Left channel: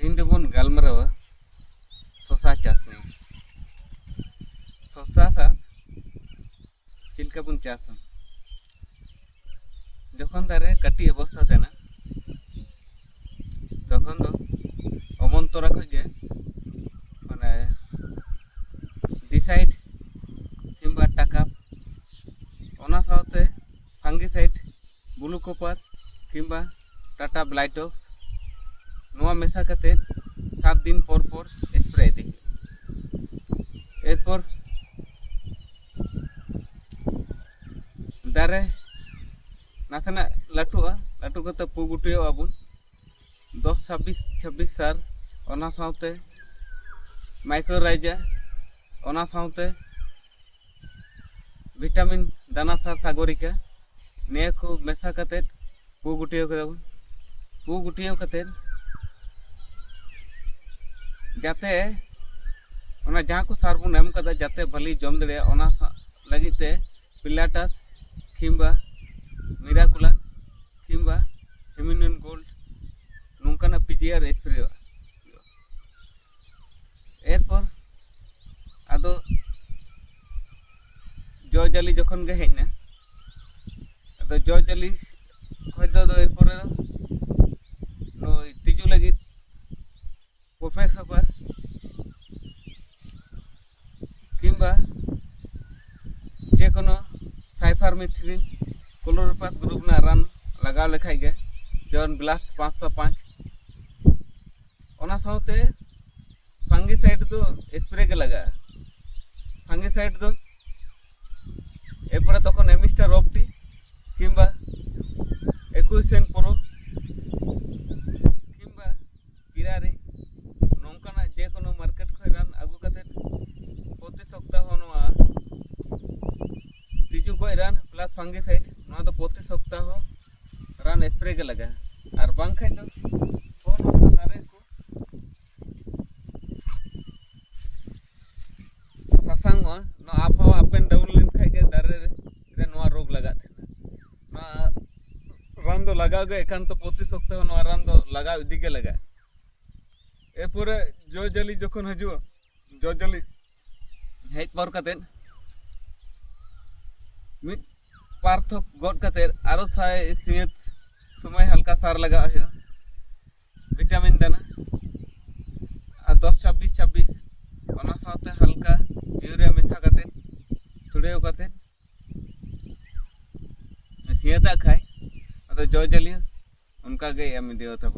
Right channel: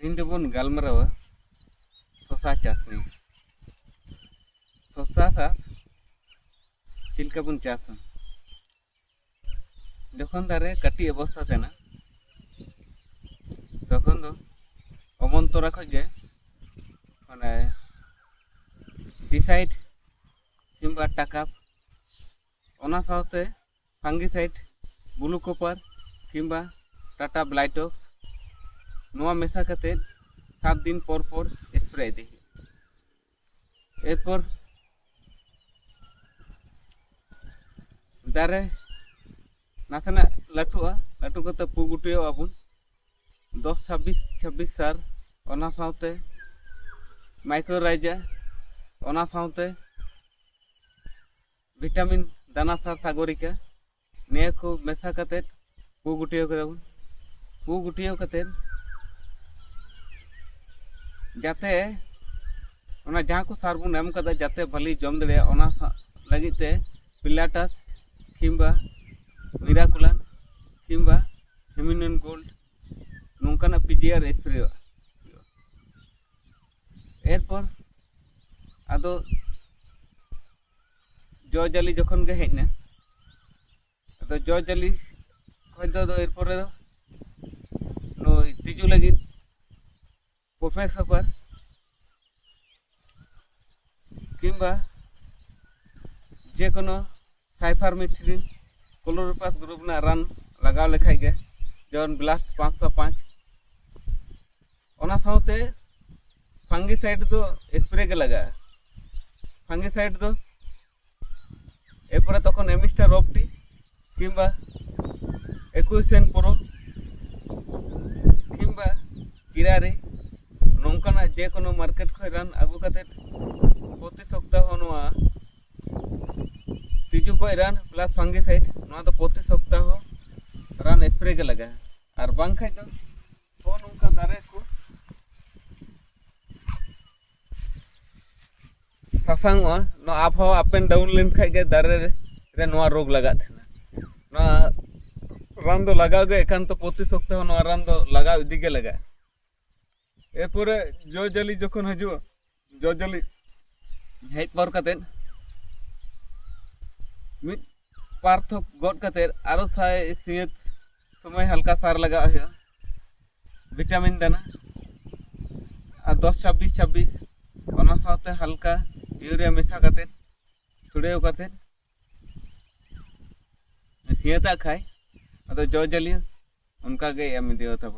तीन बन गलमरावा शशा चाष नहीं शशा चाष चिल्का बन चाष जखन दारे कटी अवस्था तेना तखन दो अमन तोरा खजे माने डिसाइड किंबा टाकाप ओना साथे फांगिसाइड ब्लू कॉपर किंबा टाटा ब्लाइटॉक्स नोआ मेसा कते 7 दिन पर स्प्रे दी एरपर दारे नाथना लाटुआ लाटु कते पु गुटियो आबुन 10-26 सार ओना साथे माइक्रोराइजा ओना साथे विटामिन दाना सार सागरिका ने को मेसा कते पु गुटियो कदाबुन पु गुटियो कते जाते ओना जहाँ को सार बुन एम कदा जाते भली जम दड़े ओना लगिते पिलाटस किंबा मिराकुलान किंबा हेमिनन गोल्ड नौकाना पीजीआर स्प्रे एरपर आदो जो जाली जखन गे हेजना आदो जो जाली खय दो एरपर नो तिजु लगी परफेक्ट सुपर किंबा जेकोनो साइफारमेथ्रिन क्लोरोपास ग्रुप ना रान लगाव लेखाय गे जौन ब्लास्ट 505 ओना साथे फंगिसाइड दो स्प्रे के लगा फंगिसाइड दो एरपर तखन एमिस्टर ऑप्टी किंबा एक्विसेन प्रो किंबा किरारे नौकाना जेकोनो मार्केट खय रान आगु कते प्रति सप्ताह नोआ तिजु को रान प्लस फंगिसाइड नोआ तो प्रति सप्ताह रान स्प्रे के लगा और बांग खाय तो नोका दारे को सासांगवा नो आबहावा अप एंड डाउन लेन खाय गे दारे रे नोआ रोग लगा थे नोआ रान दो लगाव गे एकान तो प्रति सप्ताह नोआ रान दो लगाव इदी गे लगा एरपर जो जाली जखन हजू जो जाली हेज पर कते मिट पार्थक गद कते आरो साय सियत समय हल्का सार लगा है विटामिन दाना और 10-26 ओना साथे हल्का यूरिया मेसा कते थोड़े कते सियता खाय अदो जो जाली उनका गे एम दियो तब